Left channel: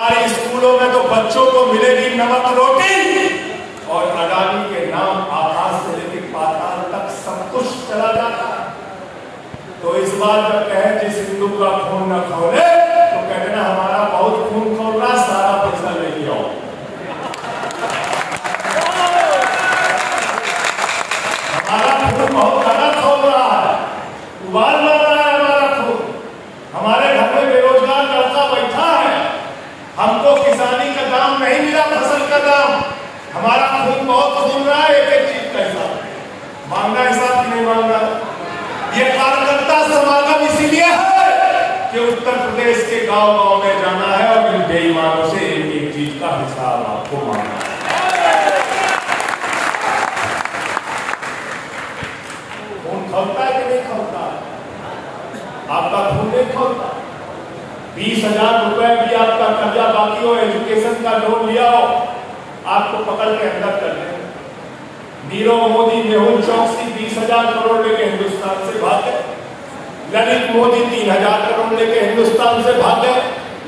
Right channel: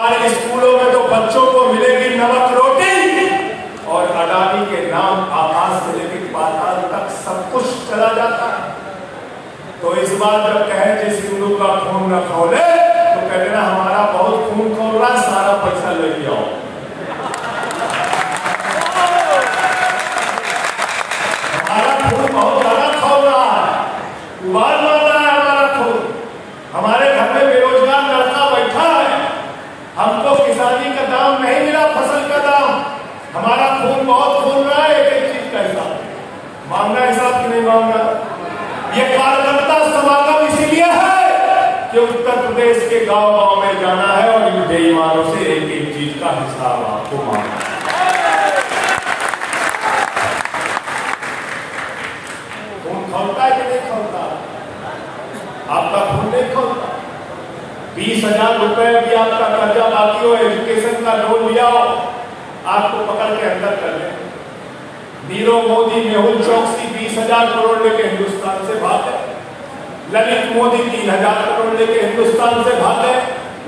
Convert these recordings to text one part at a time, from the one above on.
हमारे स्कूलों में तो बच्चों को मिलेगी नमक रोटी और अडानी के नाम आकाश से लेकर पाताल तक सब कुछ चला जाता है। तो इस बार जब कहे जिस हिंदू का खून न खोले तो कहते ना हमारा बहुत खून खोल रहा है, सारा पैसा लेके आओ। हमारा खून बहुत ज्यादा खोल रहा है, बार बार रहा है हमारा खून। हमारे घर में बेरोजगार लड़का बैठा है, हमको किसानी का दाम नहीं मिला, फसल का दाम। हमारा खून बहुत खून रहा है, एक एक चीज का हिसाब मांगना, हिसाब की नहीं मांगना। ये कार्यकर्ता समागम इसीलिए है कि उत्तर प्रदेश के गांव गांव में जाना है और इन बेईमानों से एक एक चीज का हिसाब आपको मांगना है। खून खोलता है कि नहीं खोलता? आपका खून नहीं खोलता। 20,000 रुपए भी आपका कर्जा बाकी हो, एजुकेशन का लोन लिया हो, आपको पकड़ के अंदर कर देंगे। नीरव मोदी, मेहुल चौकसी 20,000 करोड़ लेके हिंदुस्तान से भागे। ललित मोदी 3,000 करोड़ लेके हिंदुस्तान से भागे।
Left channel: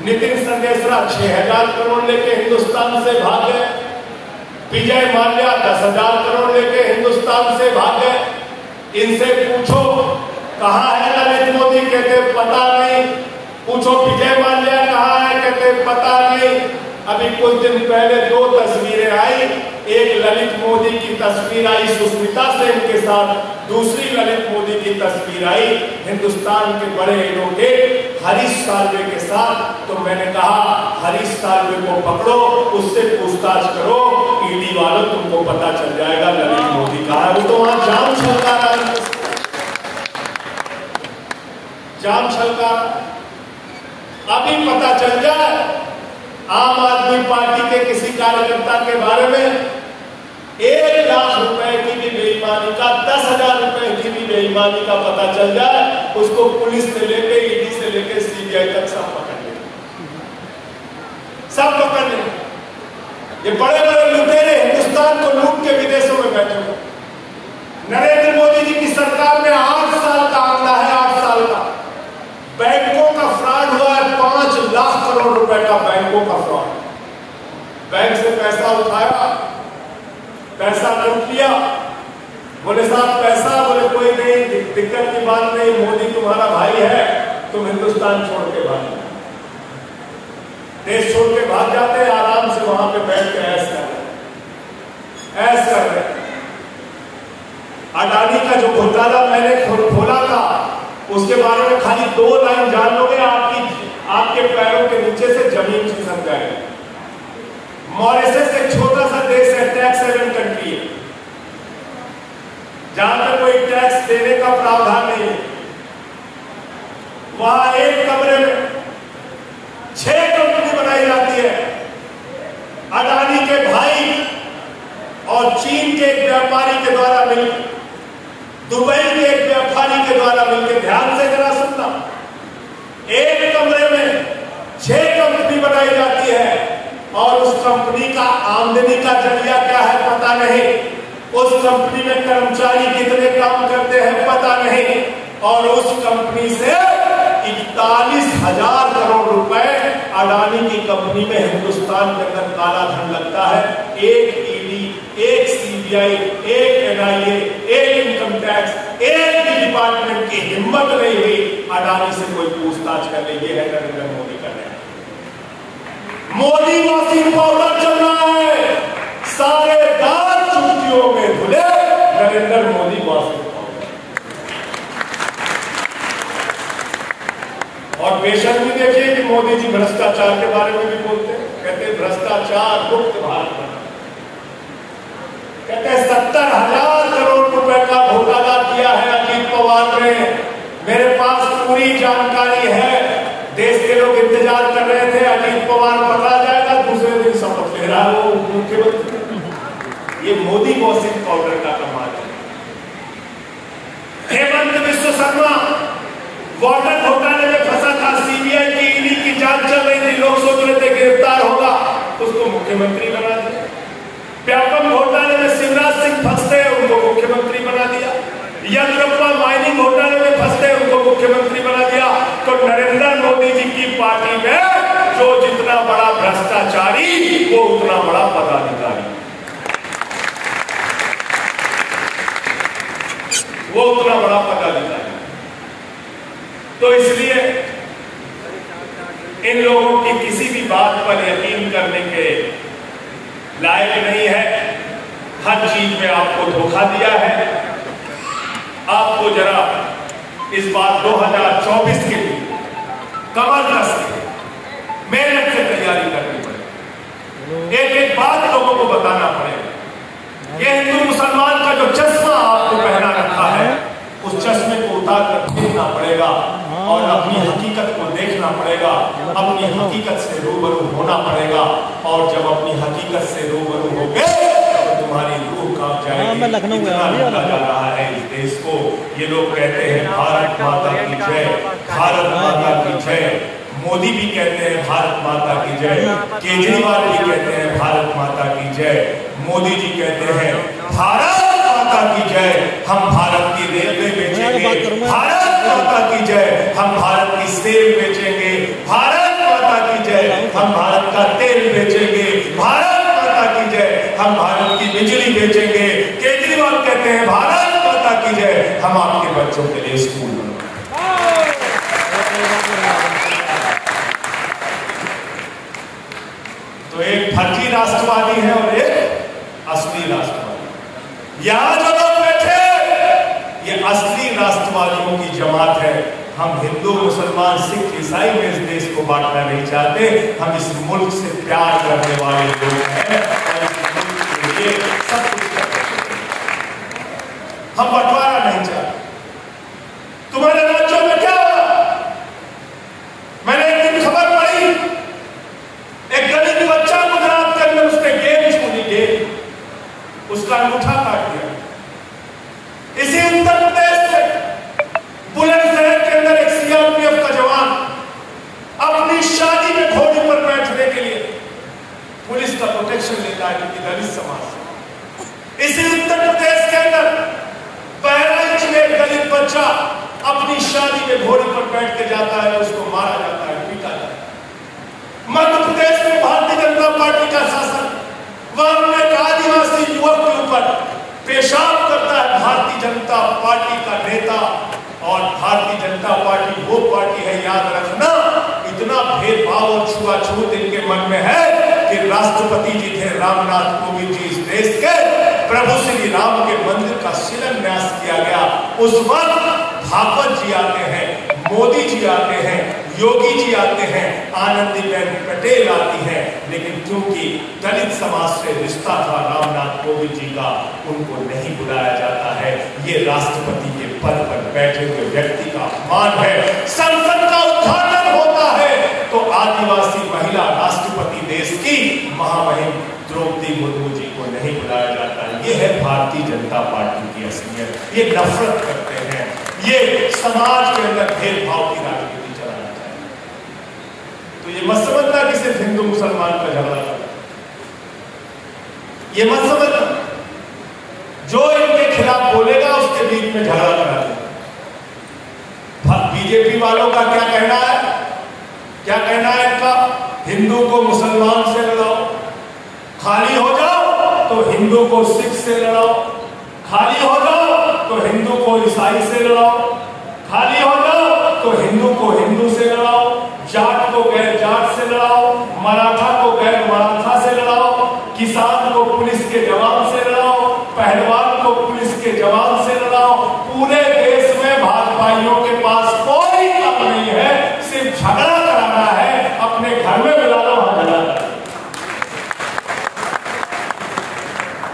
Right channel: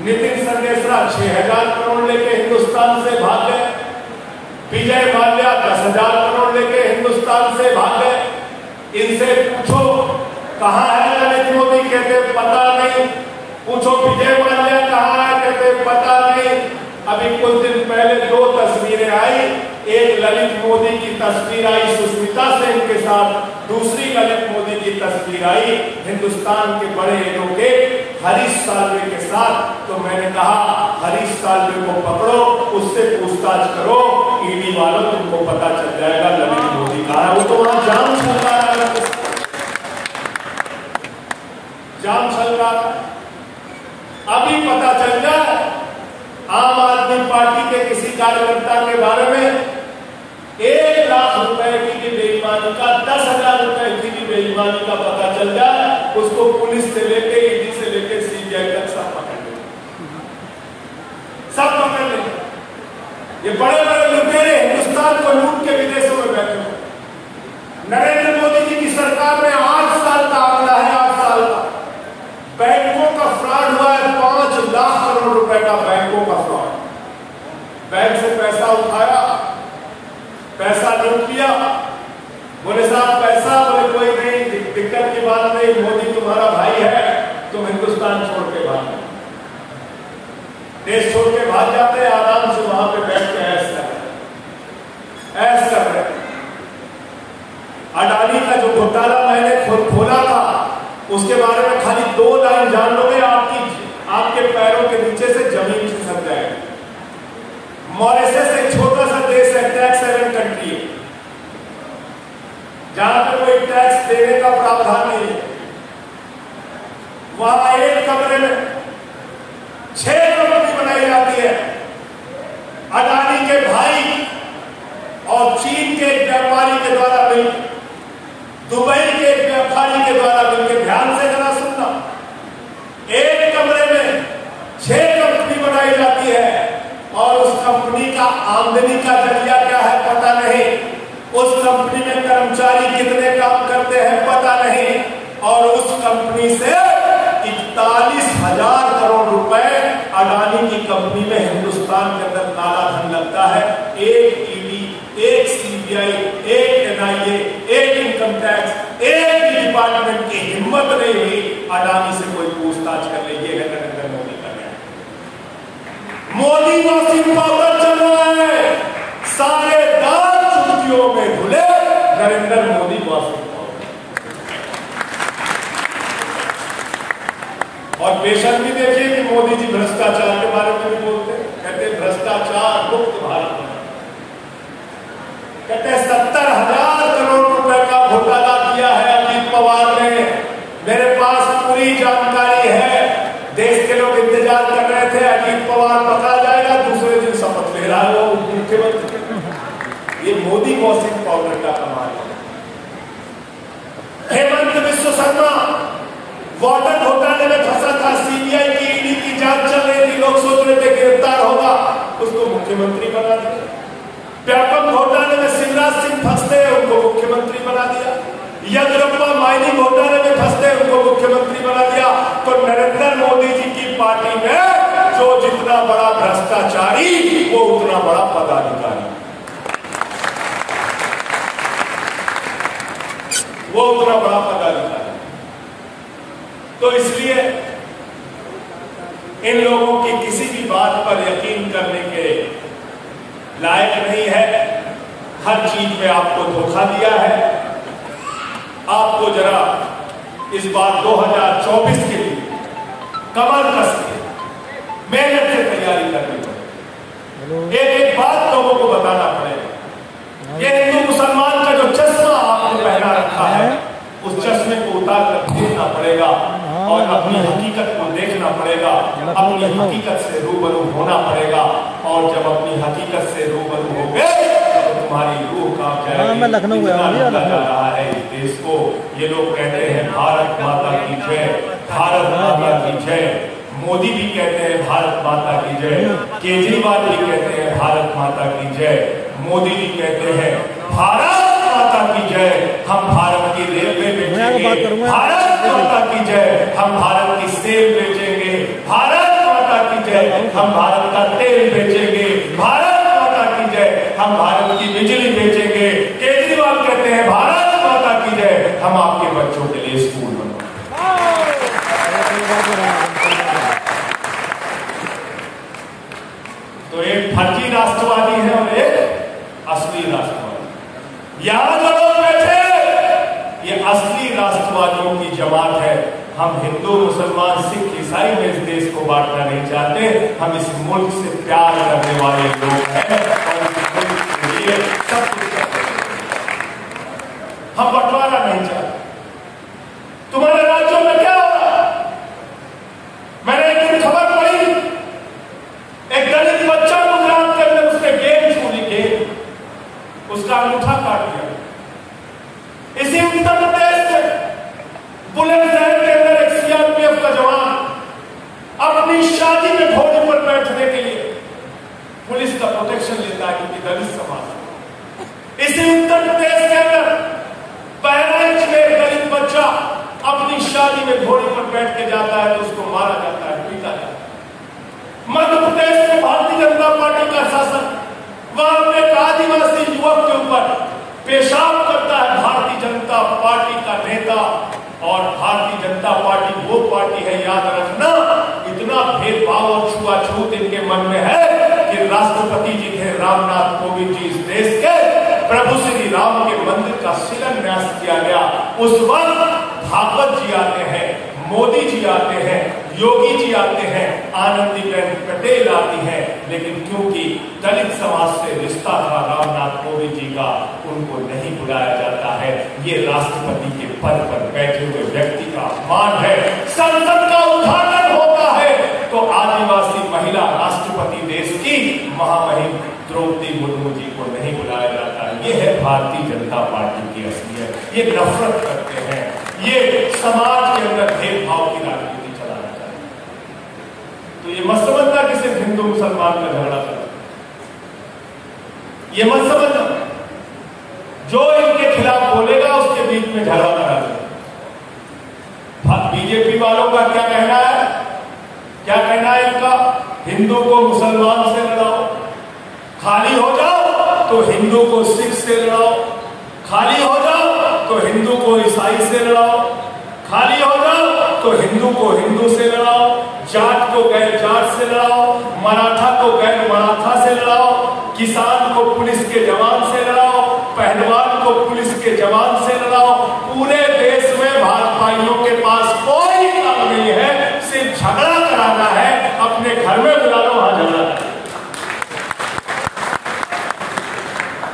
नितिन संदेशरा 6,000 करोड़ लेके हिंदुस्तान से भागे। विजय माल्या 10,000 करोड़ लेके हिंदुस्तान से भागे। इनसे पूछो कहाँ है ललित मोदी, कहते पता नहीं। पूछो विजय माल्या कहाँ है, कहते पता नहीं। अभी कुछ दिन पहले 2 तस्वीरें आई, एक ललित मोदी की तस्वीर आई सुष्मिता सेन के साथ, दूसरी ललित मोदी की तस्वीर आई हिंदुस्तान के बड़े एडवोकेट हरीश साल्वे के साथ। तो मैंने कहा हरीश साल्वे को पकड़ो, उससे पूछताछ करो, ईडी वालों तुमको पता चल जाएगा ललित मोदी कहाँ है। वो तो वहां जाम छलका रहा है, जाम छलका। अभी पता चल जाए आम आदमी पार्टी के किसी कार्यकर्ता के बारे में 1 लाख रुपए की भी बेईमानी का, 10,000 रुपए की भी बेईमानी का पता चल जाए, उसको पुलिस से लेके ईडी से लेके सीबीआई तक सब पकड़ लेंगे, सब पकड़ लेंगे। ये बड़े बड़े लुटेरे हिंदुस्तान को लूट के विदेशों में बैठे हुए। नरेंद्र मोदी जी की सरकार में 8 साल का आंकड़ा है, 8 साल का। बैंकों का फ्रॉड हुआ है, 5 लाख करोड़ रुपए का बैंकों का फ्रॉड। बैंक से पैसा उठाया, पैसा लूट लिया, बोले साहब पैसा, बोले कोई नहीं, दिक्कत की बात नहीं, मोदी तुम्हारा भाई है, तुम हिंदुस्तान छोड़ के भाग, देश छोड़ के भाग जाते हैं, आराम से वहां पे बैठ के ऐश कर रहे। अडानी का जो घोटाला मैंने खोला था उसके बारे में खाली 2 लाइन जान लोगे, आपके पैरों के नीचे से जमीन खिसक जाएगी। मॉरिशस एक छोटा सा देश है, टैक्स हेवन कंट्री है, जहां पे कोई टैक्स देने का प्रावधान नहीं है। वहां एक कमरे में 6 कंपनी बनाई जाती है। अडानी के भाई और चीन के एक व्यापारी के द्वारा मिलकर, दुबई के एक व्यापारी के द्वारा मिलकर, ध्यान से जरा सुनना, एक कमरे में 6 कंपनी बनाई जाती है और उस कंपनी का आमदनी का जरिया क्या है पता नहीं, उस कंपनी में कर्मचारी कितने काम करते हैं पता नहीं, और उस कंपनी से 41,000 करोड़ रुपए अडानी की कंपनी में हिंदुस्तान के अंदर काला धन लगता है। एक ईडी, एक सीबीआई, एक एनआईए, एक इनकम टैक्स, एक भी डिपार्टमेंट की हिम्मत नहीं हुई अडानी से कोई पूछताछ कर ले। ये है नरेंद्र मोदी का न्याय। मोदी वॉशिंग पाउडर चल रहा है, सारे दाल चुटकियों में धुले नरेंद्र मोदी वॉशिंग पाउडर। और बेशक भी देखिए कि मोदी जी भ्रष्टाचार के बारे में भी बोलते हैं, कहते हैं भ्रष्टाचार मुक्त भारत बना, कहते हैं 70,000 करोड़ रुपए का घोटाला किया है अजीत पवार ने। मेरे पास पूरी जानकारी है, देश के लोग इंतजार कर रहे थे अजीत पवार पकड़ा जाएगा, दूसरे दिन शपथ ले रहा है वो मुख्यमंत्री। ये मोदी वॉशिंग पाउडर का कमाल है। हेमंत विश्व शर्मा वाटर घोटाले में फंसा था, सीबीआई की ईडी की जांच चल रही थी, लोग सोच रहे थे गिरफ्तार होगा, उसको मुख्यमंत्री बना दिया। व्यापम घोटाले में शिवराज सिंह फंसते हैं, उनको मुख्यमंत्री बना दिया। यज्ञप्पा माइनिंग घोटाले में फंसते हैं, उनको मुख्यमंत्री बना दिया। तो नरेंद्र मोदी जी की पार्टी में जो जितना बड़ा भ्रष्टाचारी वो उतना बड़ा पदाधिकारी, वो उतना बड़ा पदाधिकारी। तो इसलिए इन लोगों की किसी भी बात पर यकीन करने के लायक नहीं है। हर चीज में आपको धोखा दिया है। आपको जरा इस बार 2024 के लिए कमर कस के मेहनत से तैयारी करनी पड़ेगी। एक एक बात लोगों को बताना पड़ेगा कि हिंदू मुसलमान का जो चश्मा आपको पहना रखा है उस चश्मे को उतार कर देखना पड़ेगा और अपनी हकीकत को देखना पड़ेगा, अपनी हकीकत से रूबरू होना पड़ेगा। और जब अपनी हकीकत से रूबरू हो गए तो तुम्हारी रूह कांप जाएगी। इतना लगा जा रहा है इस देश को। ये लोग कहते हैं भारत माता की जय, भारत माता की जय। मोदी भी कहते हैं भारत माता की जय, केजरीवाल भी कहते हैं भारत माता की जय, मोदी जी कहते हैं भारत माता की जय, हम भारत की रेलवे बेचेंगे, भारत माता की जय, हम भारत की सेब बेचेंगे, भारत माता की जय, हम भारत का तेल बेचेंगे, भारत माता की जय, हम भारत की बिजली बेचेंगे। केजरीवाल कहते हैं भारत माता की जय, हम आपके बच्चों के लिए स्कूल बनाएंगे। तो एक फर्जी राष्ट्रवादी है और एक असली राष्ट्रवादी। यहां जो लोग बैठे ये असली राष्ट्रवादियों की जमात है। हम हिंदू मुसलमान सिख ईसाई में इस देश को बांटना नहीं चाहते। हम इस मुल्क से प्यार करने वाले लोग हैं और इस मुल्क के लिए सब कुछ करते हैं। हम बंटवारा नहीं चाहते। तुम्हारे राज्यों में क्या हो रहा? मैंने एक दिन खबर पढ़ी, एक दलित बच्चा गुजरात के अंदर उसने गेम छूनी, गेम, उसका अंगूठा काट दिया। इसी उत्तर प्रदेश में बुलंदशहर के अंदर एक सीआरपीएफ का जवान अपनी शादी में घोड़े पर बैठने के लिए पुलिस का प्रोटेक्शन लेता है क्योंकि दलित समाज है। इसी उत्तर प्रदेश के अंदर बहराइच में एक दलित बच्चा अपनी शादी में घोड़े पर बैठ के जाता है, उसको मारा जाता है, पीटा जाता है। मध्य प्रदेश में भारतीय जनता पार्टी का शासन वहां एक आदिवासी युवक के ऊपर पेशाब करता है भारतीय जनता पार्टी का नेता। और भारतीय जनता पार्टी वो पार्टी है, याद रखना, इतना भेदभाव और छुआछूत इनके मन में है कि राष्ट्रपति जी थे रामनाथ कोविंद जी, इस देश के प्रभु श्री राम के मंदिर का शिलान्यास किया गया। उस वक्त भागवत जी आते हैं, मोदी जी आते हैं, योगी जी आते हैं, आनंदीबेन पटेल आती हैं, लेकिन क्योंकि दलित समाज से रिश्ता था रामनाथ कोविंद जी का, उनको नहीं बुलाया जाता है। ये राष्ट्रपति के पद पर बैठे हुए व्यक्ति का अपमान है। संसद का उद्घाटन होता है तो आदिवासी महिला राष्ट्रपति देश की महामहिम द्रौपदी मुर्मू जी को नहीं बुलाया जाता। ये है भारतीय जनता पार्टी की असलियत। ये नफरत करते हैं, ये समाज के अंदर भेदभाव की राजनीति चलाना चाहते हैं। तो ये मत समझना कि सिर्फ हिंदू मुसलमान का झगड़ा था, ये मत समझना जो इनके खिलाफ बोलेगा उसके बीच में झगड़ा करा देगा। बीजेपी वालों का क्या कहना है, क्या कहना है इनका? हिंदू को मुसलमान से लड़ाओ, खाली हो जाओ तो हिंदू को सिख से लड़ाओ, खाली हो जाओ तो हिंदू को ईसाई से लड़ाओ, खाली हो जाओ तो हिंदू को हिंदू से लड़ाओ, जाट को गैर जाट से लड़ाओ, मराठा को गैर मराठा से लड़ाओ, किसान को पुलिस के जवान से लड़ाओ, पहलवान को पुलिस के जवान से लड़ाओ। पूरे देश में भाजपाइयों के पास कोई काम नहीं है, सिर्फ झगड़ा कराना है। अपने घर में बुला लो, वहां झगड़ा करो।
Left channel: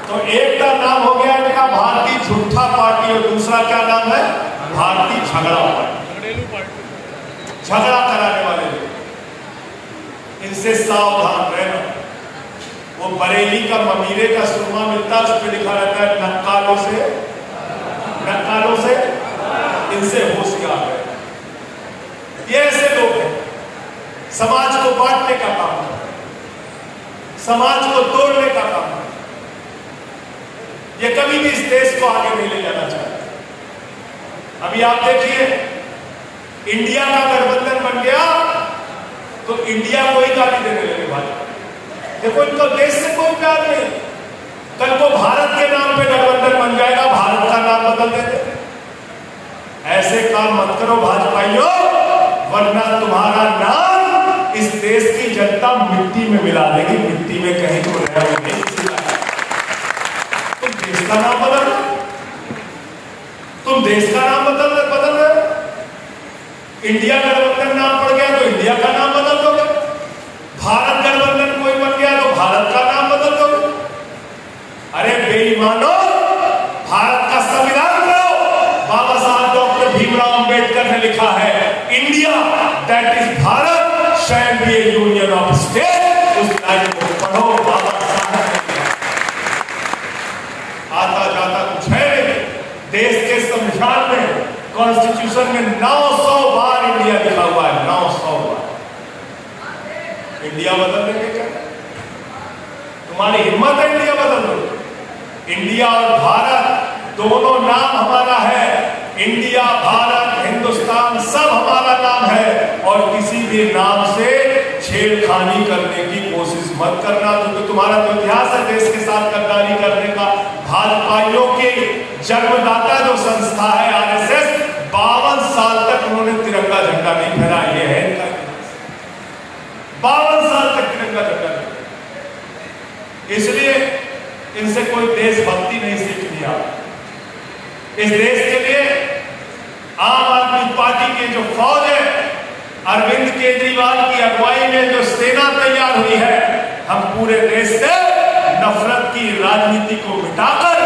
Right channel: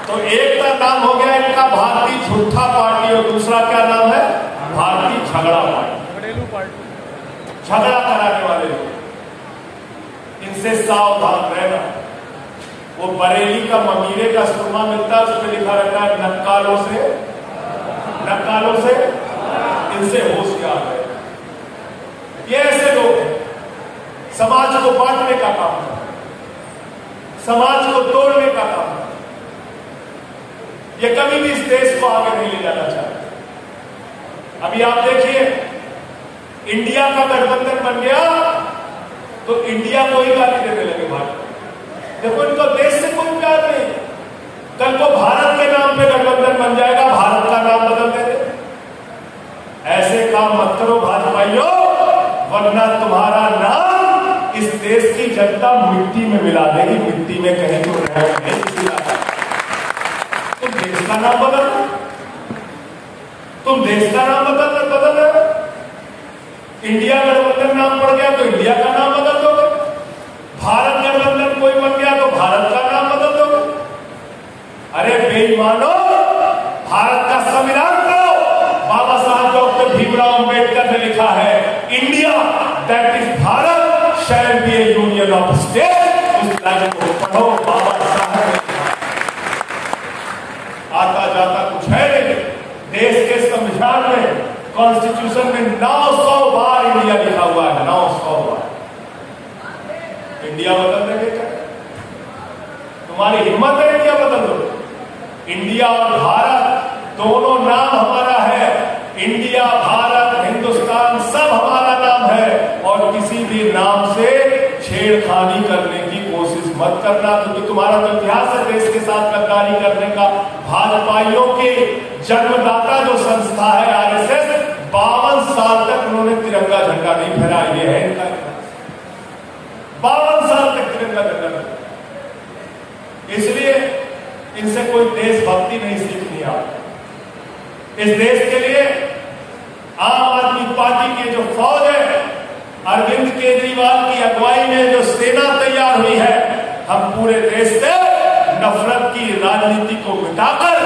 तो एक का नाम हो गया इनका भारतीय झूठा पार्टी और दूसरा क्या नाम है? भारतीय झगड़ा पार्टी, झगड़ा कराने वाले लोग। इनसे सावधान रहना। वो बरेली का ममीरे का सुरमा मिलता है, उस पर लिखा रहता है नक्कालों से, नक्कालों से, इनसे होशियार है। ये ऐसे लोग हैं, समाज को बांटने का काम है, समाज को तोड़ने का काम है। ये कभी भी इस देश को आगे नहीं ले जाना चाहते। अभी आप देखिए, इंडिया का गठबंधन बन गया तो इंडिया को ही गाली देने लगे भाजपा। देखो इनका देश से कोई प्यार नहीं। कल को भारत के नाम पे गठबंधन बन जाएगा, भारत का नाम बदल देते। ऐसे काम मत करो भाजपाइयों, वरना तुम्हारा नाम इस देश की जनता मिट्टी में मिला देगी, मिट्टी में कहीं तो नहीं। तुम देश का नाम बदल, तुम देश का नाम बदल रहे हो। इंडिया गठबंधन नाम पड़ गया तो इंडिया का नाम बदल दोगे, भारत गठबंधन कोई बन गया तो भारत का नाम बदल दोगे। अरे बेईमानो, भारत का संविधान को बाबा साहब डॉक्टर भीमराव अंबेडकर ने लिखा है, India that is Bharat shall be A union of state. उस लाइन को पढ़ो, बाबा साहब आता जाता कुछ है नहीं। देश के संविधान में, कॉन्स्टिट्यूशन में 900 बार इंडिया लिखा हुआ है, 900 बार। इंडिया बदल देंगे क्या? तुम्हारी हिम्मत है इंडिया बदल दो? इंडिया और भारत दोनों नाम हमारा है। इंडिया, भारत, हिंदुस्तान सब हमारा नाम है। और किसी भी नाम से छेड़खानी करने की कोशिश मत करना, क्योंकि तुम्हारा तो इतिहास है देश के साथ गद्दारी करने का। भाजपाइयों के जन्मदाता जो संस्था है आरएसएस, 52 साल तक उन्होंने तिरंगा झंडा नहीं फहराया। ये है इनका 52 साल तक तिरंगा झंडा नहीं। इसलिए इनसे कोई देशभक्ति नहीं सीखनी। आप इस देश के लिए आम आदमी पार्टी के जो फौज है, अरविंद केजरीवाल की अगुवाई में जो सेना तैयार हुई है, हम पूरे देश से नफरत की राजनीति को मिटाकर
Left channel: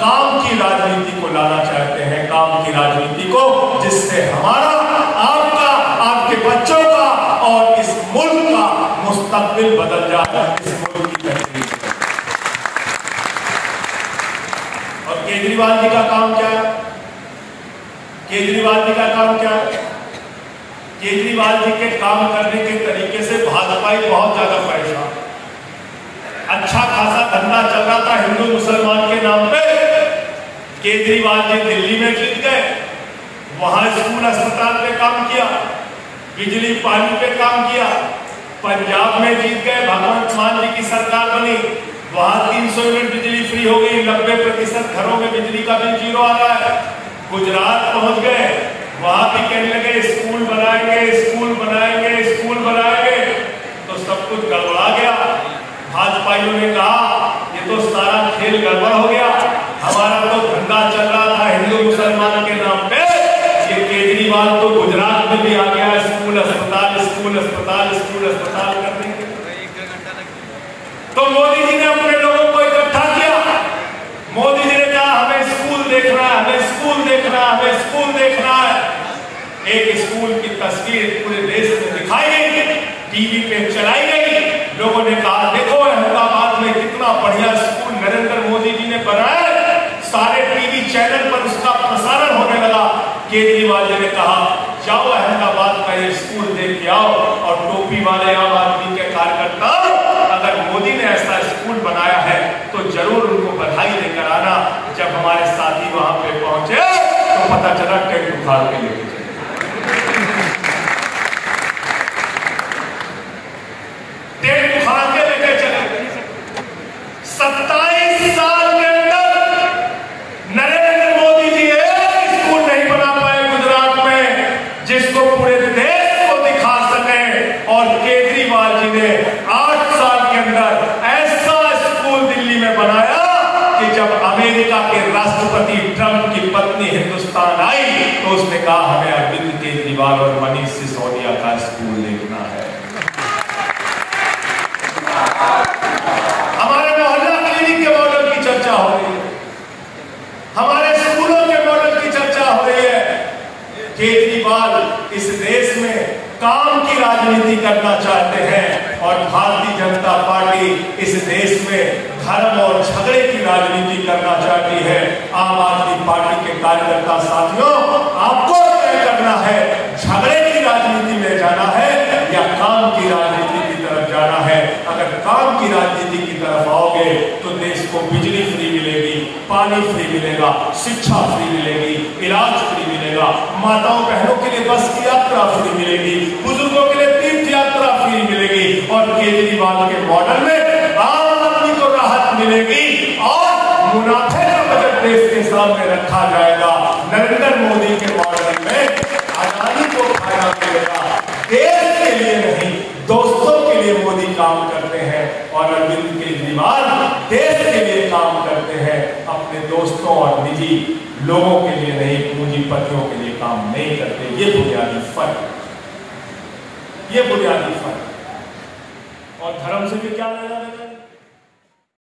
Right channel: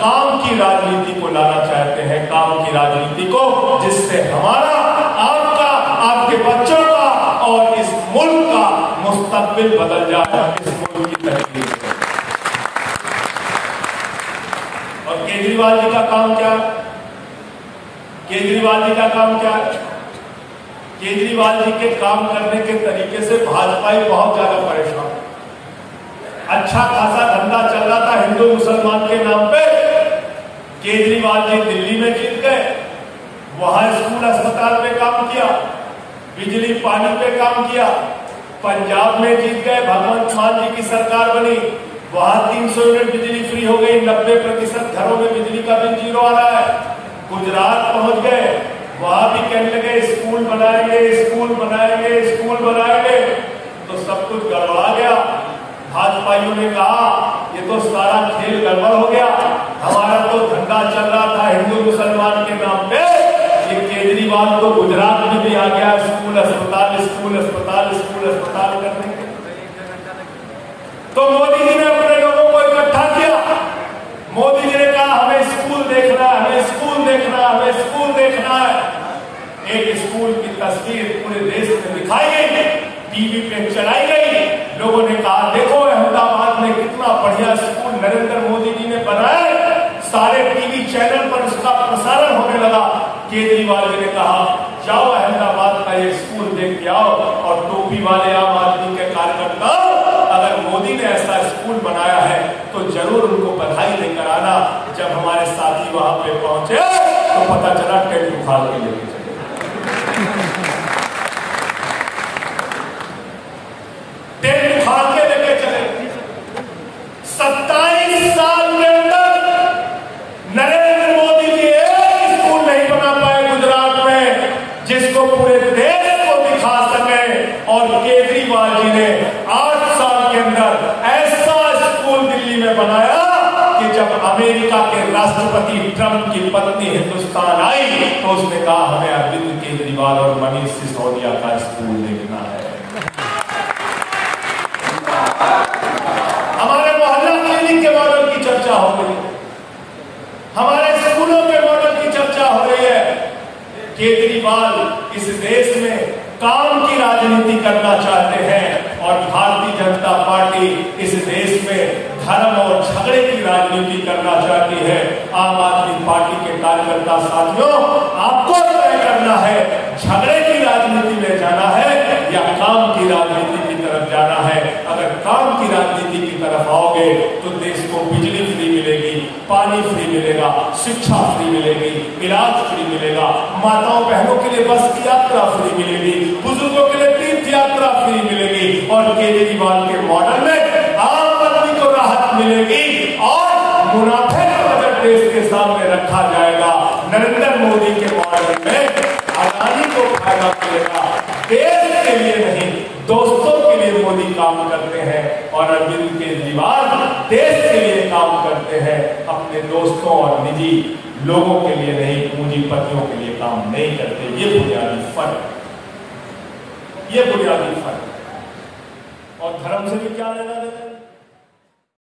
काम की राजनीति को लाना चाहते हैं। काम की राजनीति को, जिससे हमारा, आपका, आपके बच्चों का और इस मुल्क का मुस्तकबिल बदल जाए, इस मुल्क की तकदीर। और केजरीवाल जी का काम क्या है? केजरीवाल जी का काम क्या है? केजरीवाल जी के काम करने के तरीके से भाजपा ही बहुत ज्यादा परेशान। अच्छा खासा धंधा चल रहा था हिंदू मुसलमान के नाम पे। केजरीवाल जी दिल्ली में जीत गए, वहां स्कूल अस्पताल पे काम किया, बिजली पानी पे काम किया। पंजाब में जीत गए, भगवंत मान जी की सरकार बनी, वहां 300 यूनिट बिजली फ्री हो गई, 90% घरों में बिजली का बिल जीरो आ रहा है। गुजरात पहुंच गए, वहां भी कहने लगे स्कूल बनाएंगे, स्कूल बनाएंगे, स्कूल बनाएंगे, तो सब कुछ गड़बड़ा गया। भाजपाइयों ने कहा ये तो सारा खेल गड़बड़ हो गया, हमारा तो धंधा चल रहा था हिंदू मुसलमान के नाम पे, ये केजरीवाल तो गुजरात में भी आ गया स्कूल अस्पताल, स्कूल अस्पताल, स्कूल अस्पताल करने के। तो मोदी जी ने अपने लोगों को इकट्ठा किया। मोदी जी ने कहा हमें स्कूल देखना है, हमें स्कूल देखना है, हमें स्कूल देखना है। एक स्कूल की तस्वीर पूरे देश में दिखाई गई, टीवी पे चलाई गई। लोगों ने कहा देखो अहमदाबाद में कितना बढ़िया स्कूल नरेंद्र मोदी जी ने बनाया है। सारे टीवी चैनल पर उसका प्रसारण होने लगा। केजरीवाल जी ने कहा जाओ अहमदाबाद का ये स्कूल देख के आओ, और टोपी वाले आम आदमी के कार्यकर्ता अगर मोदी ने ऐसा स्कूल बनाया है तो जरूर उनको बधाई देकर आना। जब हमारे साथी वहां पे पहुंचे तो पता चला टेंट उखाड़ के लेके चले। टेंट उखाड़ के लेके चले। 27 साल के अंदर नरेंद्र मोदी जी एक स्कूल नहीं बना पाए गुजरात में जिसको पूरे देश को दिखा सके, और केजरीवाल जी ने 8 साल के अंदर ऐसा स्कूल दिल्ली में बनाया कि जब अमेरिका के राष्ट्रपति ट्रंप की पत्नी हिंदुस्तान आई तो उसने कहा हमें अरविंद केजरीवाल और मनीष सिसोदिया का स्कूल देखना है। हमारे मोहल्ला क्लिनिक के मॉडल की चर्चा हो रही है, हमारे स्कूलों के मॉडल की चर्चा हो रही है। केजरीवाल इस देश में काम की राजनीति करना चाहते हैं, और भारतीय जनता पार्टी इस देश में धर्म और झगड़े की राजनीति करना चाहती है। आम आदमी पार्टी के कार्यकर्ता साथियों, आपको तय करना है झगड़े की राजनीति में जाना है या काम की राजनीति की तरफ जाना है। अगर काम की राजनीति की तरफ आओगे तो देश को बिजली फ्री मिलेगी, पानी फ्री मिलेगा, शिक्षा फ्री मिलेगी, इलाज फ्री मिलेगा, माताओं बहनों के लिए बस की यात्रा फ्री मिलेगी, बुजुर्गों के लिए तीर्थ यात्रा फ्री मिलेगी और केजरीवाल के मॉडल में आम आदमी को राहत मिलेगी और मुनाफे का बजट देश के सामने रखा जाएगा। नरेंद्र मोदी के मॉडल में अदानी को फायदा मिलेगा। देश के लिए नहीं, दोस्तों के लिए मोदी काम करते हैं और अरविंद केजरीवाल देश के लिए काम करते हैं, अपने दोस्तों और निजी लोगों के लिए नहीं, पूंजीपतियों के लिए काम नहीं करते। ये बुनियादी फर्क, ये बुनियादी फर्क। और धर्म से भी क्या लेना देना?